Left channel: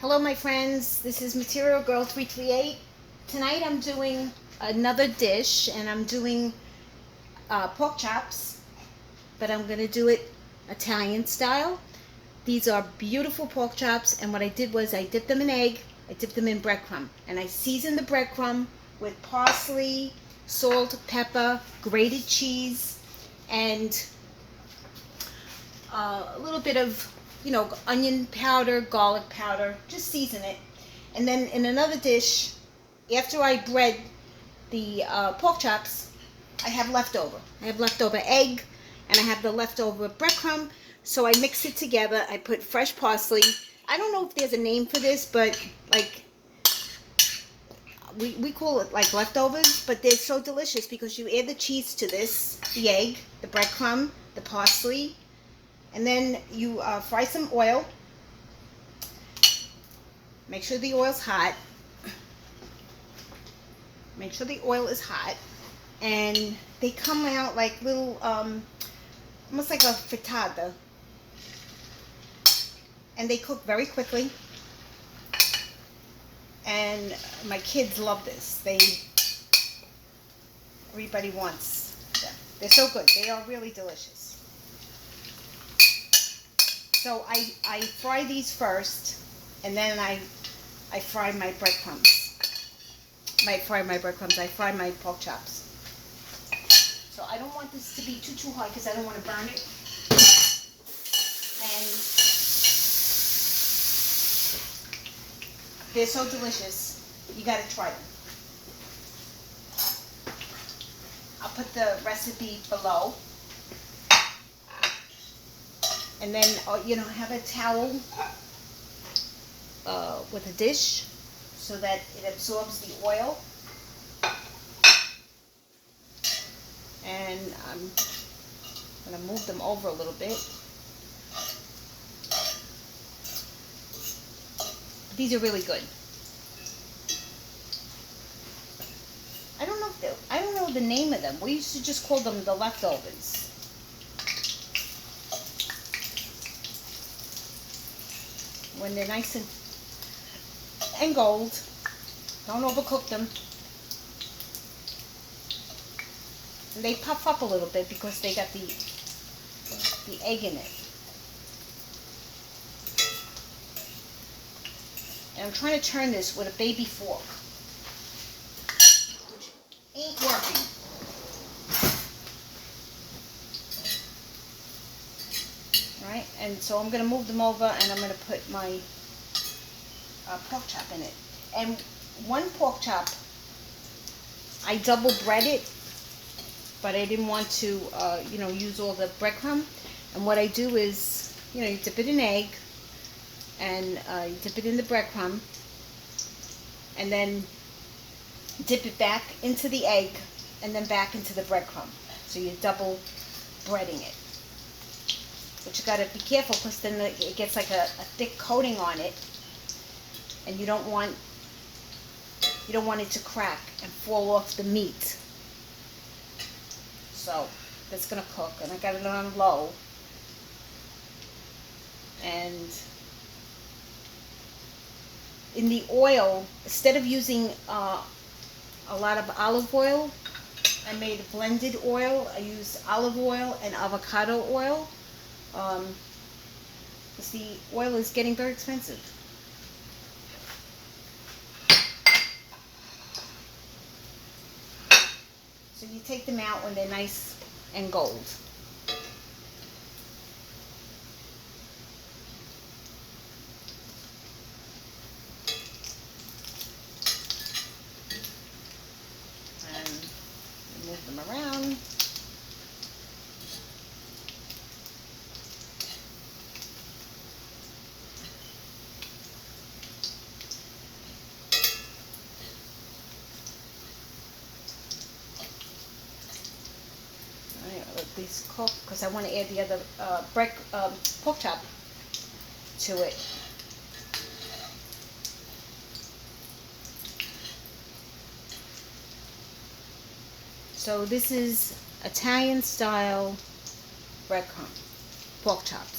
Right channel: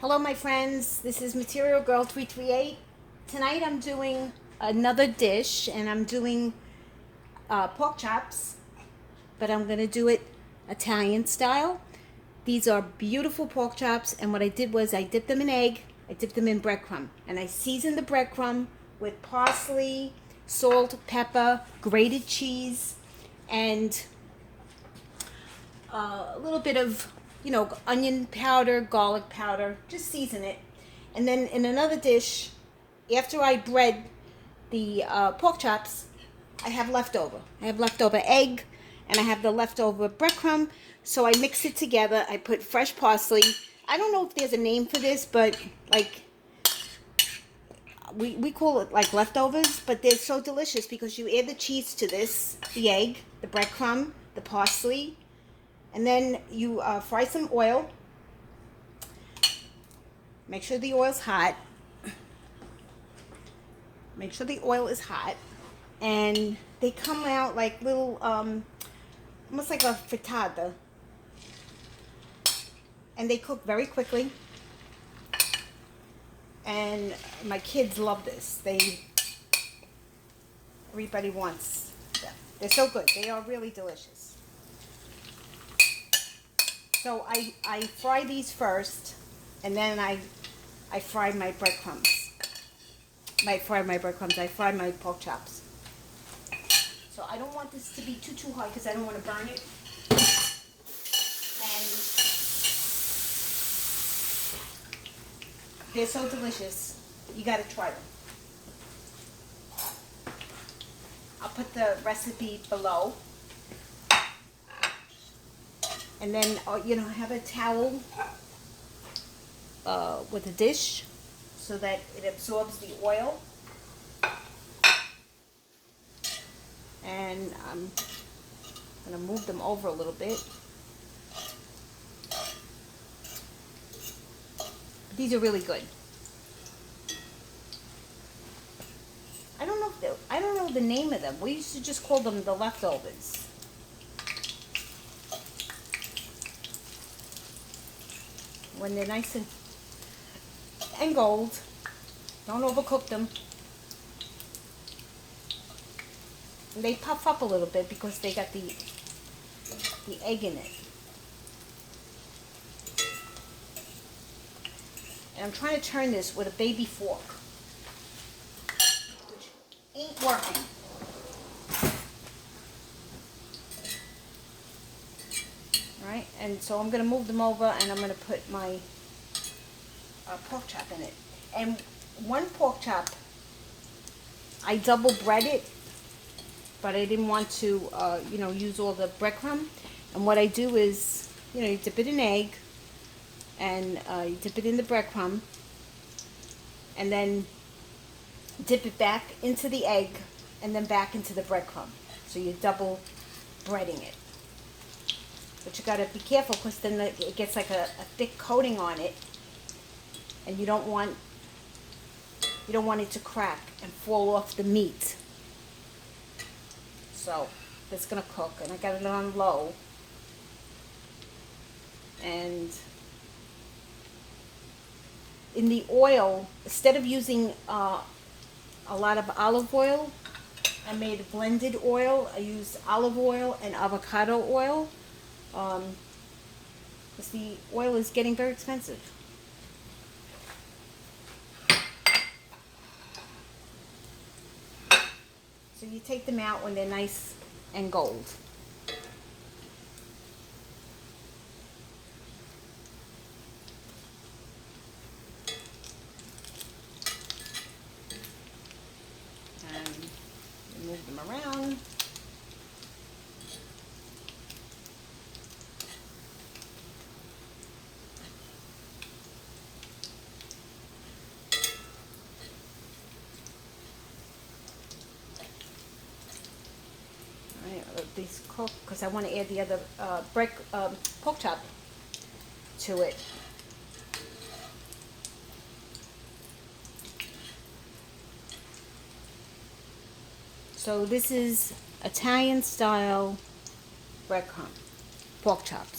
Hello my friends, this is Material Girl 338. Tonight I'm doing another dish and I'm doing pork chops, but I'm going to do it Italian style. These are beautiful pork chops, and what I did was I dipped them in egg, I dipped them in breadcrumb, and I seasoned the breadcrumb with parsley, salt, pepper, grated cheese, and a little bit of onion powder, garlic powder. Just season it. And then in another dish, after I bread the pork chops, I have leftover. I have leftover egg, and I have the leftover breadcrumb. So I mix it together. I put fresh parsley. I don't know if there's a name for this, but like we call it like leftovers, but they're so delicious because you add the cheese to this, the egg, the breadcrumb, the parsley, and then you fry some oil. Make sure the oil's hot. Make sure the oil is hot. And they come out like little, almost like a frittata. And they cook very quickly. And my kids love this. Everybody wants them. They're so good. They are really delicious. So I fry these first, and then I fry my breadcrumbs. I fry my pork chops. So I don't want this to be too hot because I don't want to burn it. And they're so delicious. You got to try them. I'll put the recipe below. And then, have a towel with a dish so that it absorbs the oil. And I'm going to move them over a little bit. These are really good. I don't know the name of them. We used to just call them the leftovers. When they're nice and gold, don't overcook them. And they puff up a little bit because they got the egg in it. And I'm trying to turn this with a baby fork, which ain't working. Alright, and so I'm going to move them over, and I'm going to put my pork chop in it. And one pork chop, I double bread it, but I didn't want to, use all the breadcrumb. And what I do is, you dip it in egg, and you dip it in the breadcrumb, and then dip it back into the egg, and then back into the breadcrumb. So you're double breading it. But you gotta be careful because then it gets like a thick coating on it, and you don't want it to crack and fall off the meat. So that's gonna cook, and I got it on low. And in the oil, instead of using a lot of olive oil, I made a blended oil. I used olive oil and avocado oil. Because the oil is getting very expensive. So you take them out when they're nice and gold. And move them around. Let these cook because I want to add the other pork chop to it. So this is Italian style breadcrumb pork chops.